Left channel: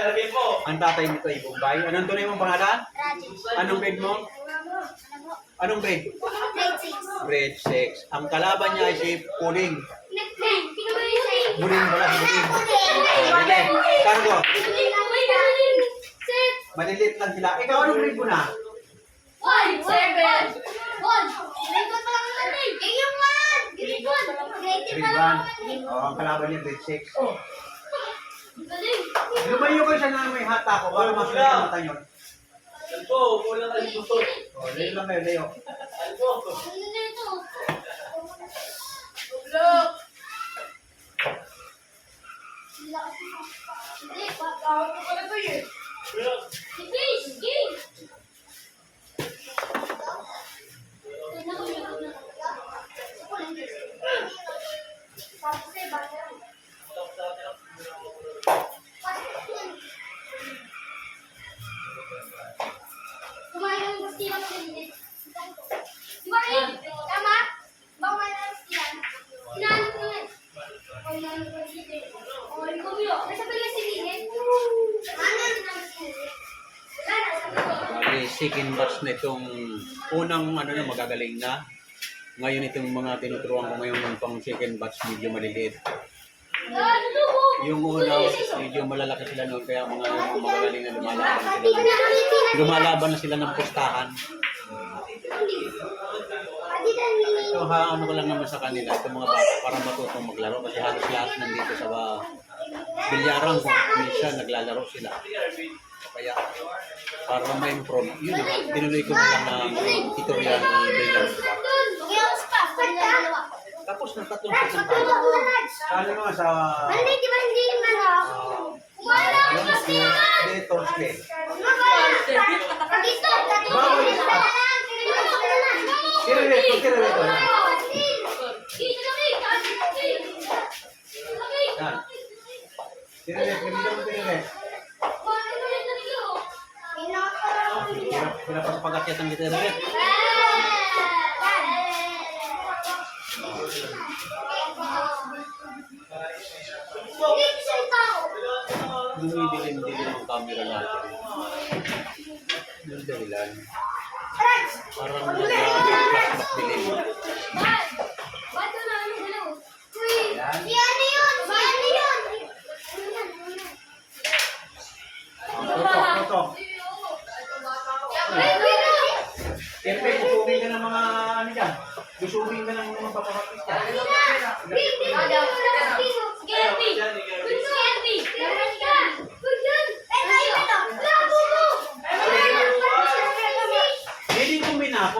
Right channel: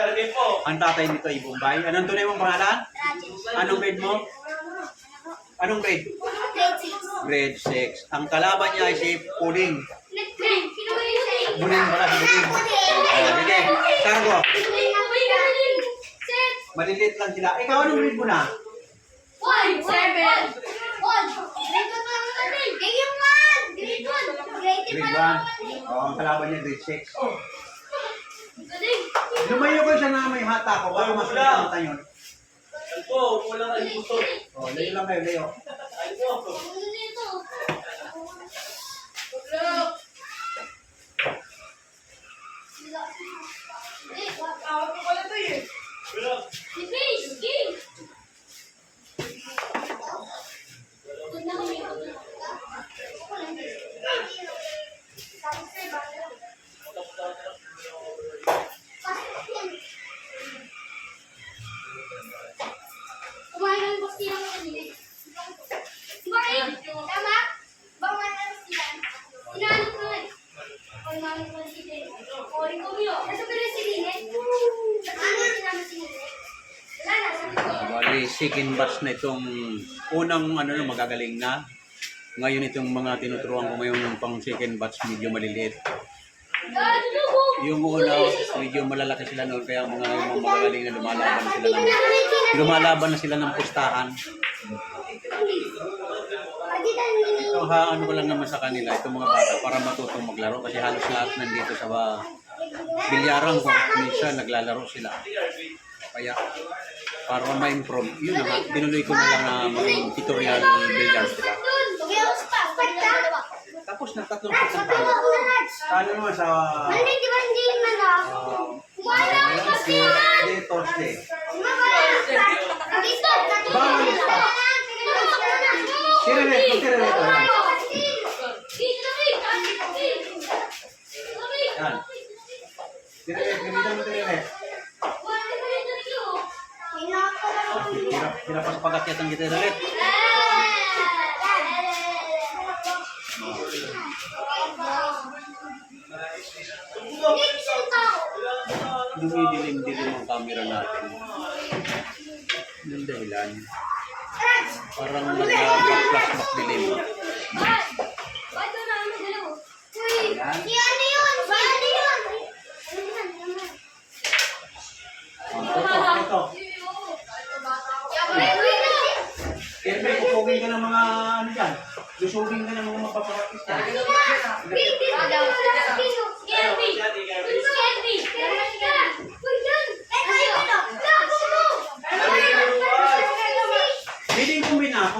Ang tatay nito ay Bombay. Anong tunay mong pangalan? Anong grade mo? Anong grade? Grade 6. Ang kalaban niya ay si Puling. Buling pala, Buling. Sige, Cargo. Malilit lang sila. Ikaw, anong grade mo na? 7. Grade 1. Grade 1. Oh, ang kalaban niya grade 6. Lumayo kayo siya na may hata ko. Baka masunod ang mata nyo. Oh, layo lang kayo, layo. Bali, second batch na itong unang ano na magagaling na. Ngayon itong mga tinuturuan ko ngayon ng pang second batch medyo maliliit. Yung una, medyo malalaki sila noon kaya mga magagaling na lumalaban na sila ng pustahan. Ito ano ko lang naman sa kanila, itong mga bata para matutong maglaro kasi halos lahat nandito sa bilyaran ko. Minsan naglalaro sila. Kaya para ma-improve, yun na, dinuloy ko na lang ang tutorial ng billiard. Tapos na tatlong paano naman sa Thursday. Bawal pa. Kira-ret ito. Yan. Kira-ret, gamitan mo kira-ret. Hirap pa sa pag-akyat ang kira-ret. Dumidilim-dilim ang camera natin. Yung dahilan. Parang nag-flashback dilim. Ito. Kaya kusubing ka ng mga ano dyan. Kusubing ka ng mga mapapakakis dyan. Pwede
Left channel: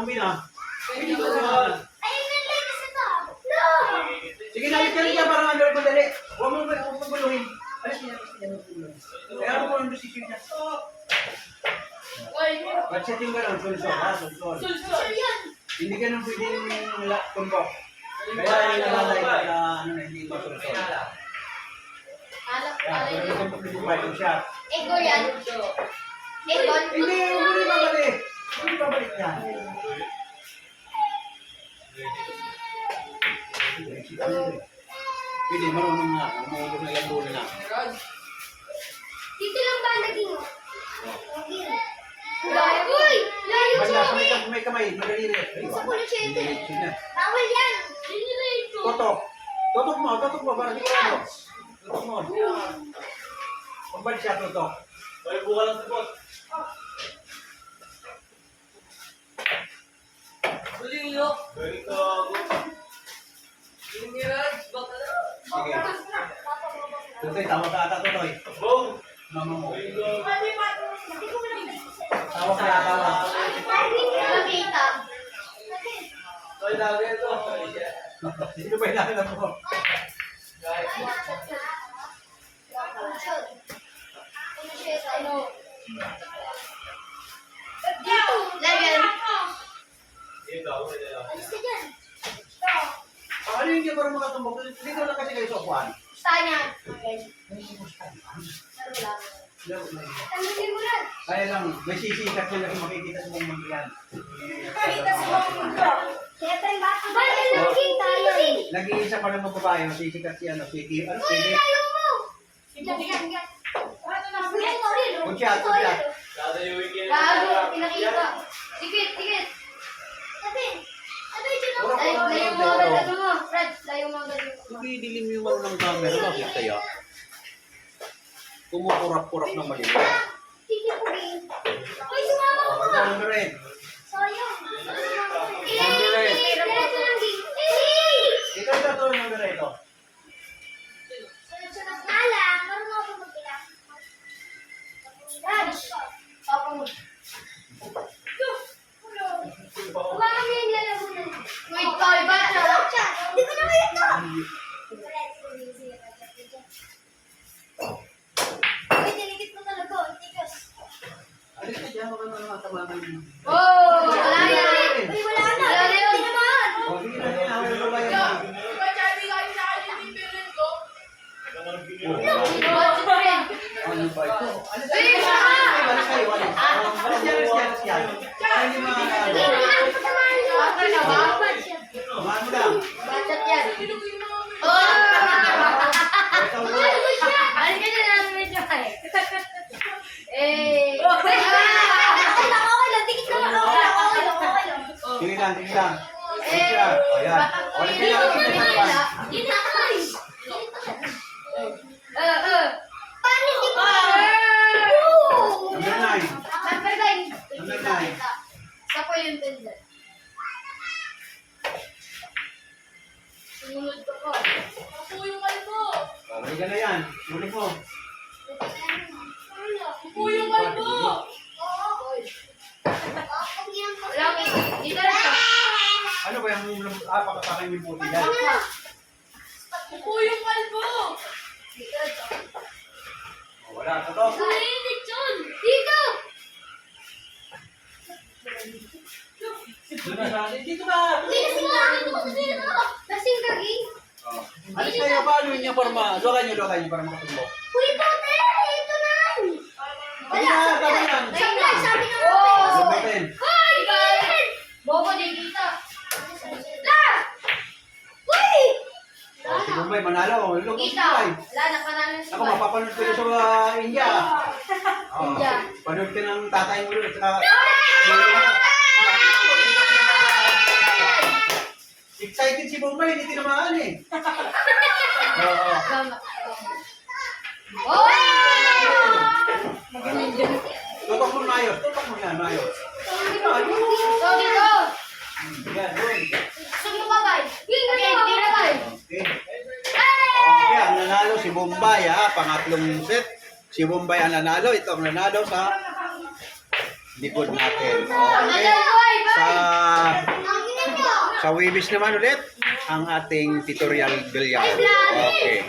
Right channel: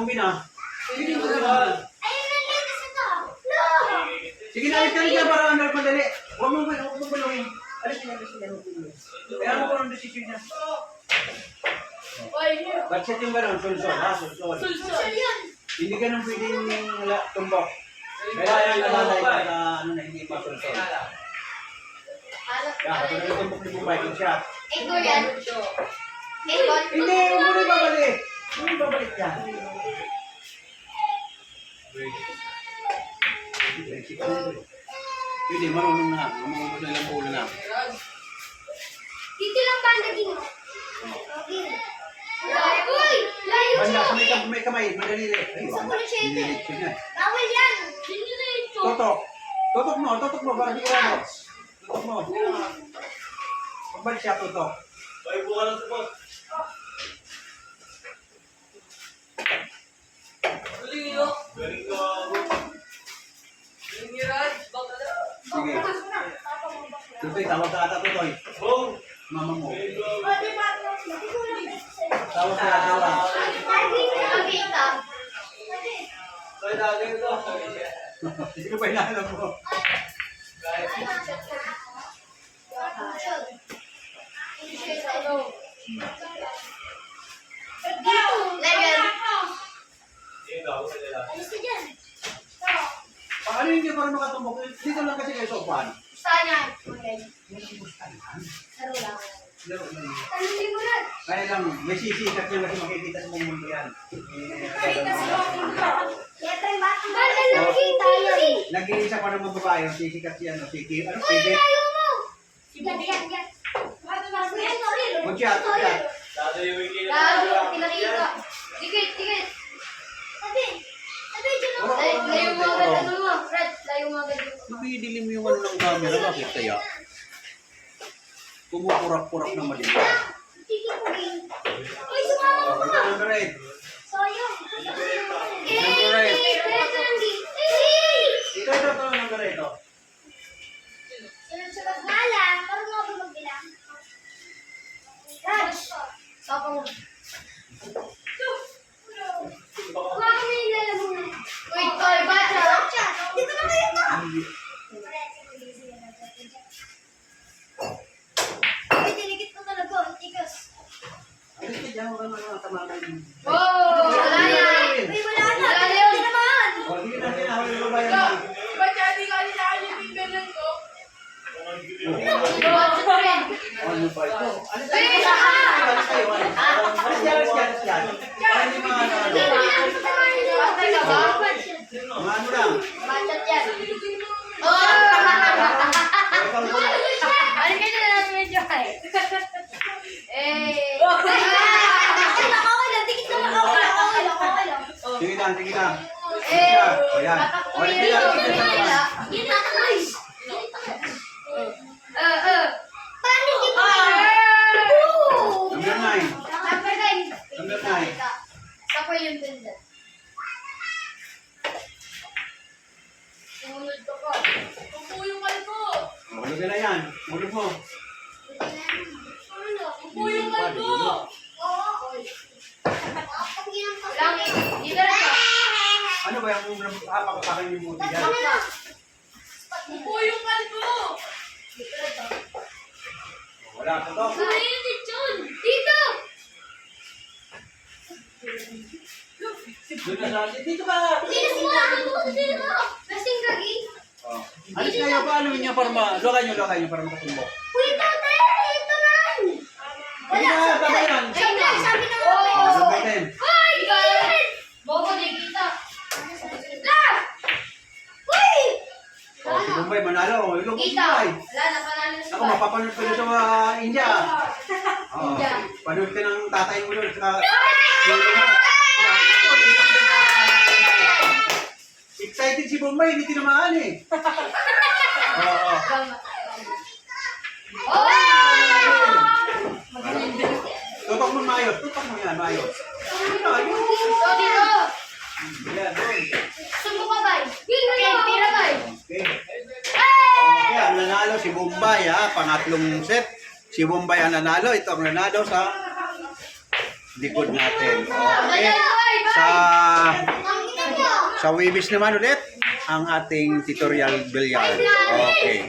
kumbina. Sige na, alis ka rin dyan para under madali. Huwag mo baluhin. Alis ka dyan. Kaya ano ko ang decision niya? Budget yung gano'n, sulsol. Hindi ganun pwedeng tumbok. Kaya nalalay ka na ano na hindi masulsol. Kaya kung ano tumbok ni Bumay, yung shot. Ego yan. Hindi, huwag mo na ibabalik. Huwag mo ibabalik yan. Pwede, marunong na. Maubos na ilang bulan na. Dito lang ba naging? Uy! Layo siya! Banda, may kamay, madaliri. Sa puno siya ito. Sige. Bawal yan! Totok. Totok mo, para di ka Totok mo. Pabalik siya, totok. Ay, buka lang sa bot. Huling ilo. Galing ka ako. Huling mirage. Baka na. Sige. Tutoy, tawag ka ata, Tutoy. Boom! Mama mo. Galing ka ako. Tawag ka, tawag. Nakita. Ay, lagi ito. Sino ba hinahanap mo? Dito! Layan! Ikaw, sila lang. Alis ka dyan! Ano hindi para makatumbok? Dito lang kasi kayo sa upuan. Sana! May kumusta yan? Laro lang. Laro lang yan. Tanungin mo lang! Kaya lang, may sisikat nyo kasi makikita sa buong mundo yan. Kaya tayo bata. Bata lang tayo! Nag-iisa pa ng mga babae, sisikat si ano, si Kim, ano, Uy, Kim. tayo mo! Yan, yan, yan! Udyat, udyat. Dadayuin ka na. Gago, pinakita. Dikit, dikit. Tabi. Tabi, dyan ako. Ay, layo mo agad ano mo. Fred, layo mo agad yung... Ibidilim mo yung ano ng camera, bakit kaya? Kumukurap-kurap ng mali. Sige po, game. Uy, sumama ko Okay, pa. number 8. Sayang. Number eight. Hey! Ikaw ito, number 8. Sunod-sunod nga lang. Marunong ako magbilang. Raj. Papa mo. Huwag kami yung lalamunan. Wait, call ba? Di ko na kayo ito. Uy, dinikit ko talaga. Tigas. Alis ka dyan, wala na mga tamaman. Oh, wala yan. Uy, wala na. Wala na yun. Naman. O, sige na, sige na, hawal mo ba yan? Ano ba ito? Alis kayo, alis kayo, alis. Alis yan, alis yan, alis yan. Ay, hindi mga ano. Kumaan mo lang. Bachat yan. Oh! Ikaw mo. Balik ka na lang medyo eh. Eh. Okay lang. Dikit na lang. Okay lang. Sige lang, sige lang. Eh. O, yan. O, dito lang, dito sa naman. Yun na guys. Paano hindi ko Number 9. Number 9. Number 9. Sa ko yung tenda. Sumunod ko ko. Ako yung kalbo. O, hindi ka na yan. Mulog mo. Ako yung kalbo. Dito lang siya. Ano ba yung pakatakin yung buti yan? Ako yung kalbo. Dito lang siya. O, wala ka to. Dito! Doon na sa dito ka. Lasing kagi. O. Alis kayo, paano niya para luwagay niyo para makatumbo. Uy, tate! Ito na! Hindi na, tama yan. Sabi na Number 10. Hoy! Bobo, di kita. La! Uy! O, si Bombay, manalo. Ilog mo si Kita. Bombay. Wala na, panalo si Ako, mapapanood ko na sa India. O, India. panood ka ng tatay mo doon. Saka, excited si Bombay, hindi tinamaan eh. Oo. Oh! Tutok mo maayos, tutok mo yan, maayos. So, dito. Yan, doon. Sumo ka ba? Okay, tira ba? Okay. Okay, ang nanalo si Bombay pangatlong set. Si Bombay ang nanalo, ito ang nanalo sa likod natin. Okay. Sa Wibis naman ulit ang ating tutorial billiard. Okay.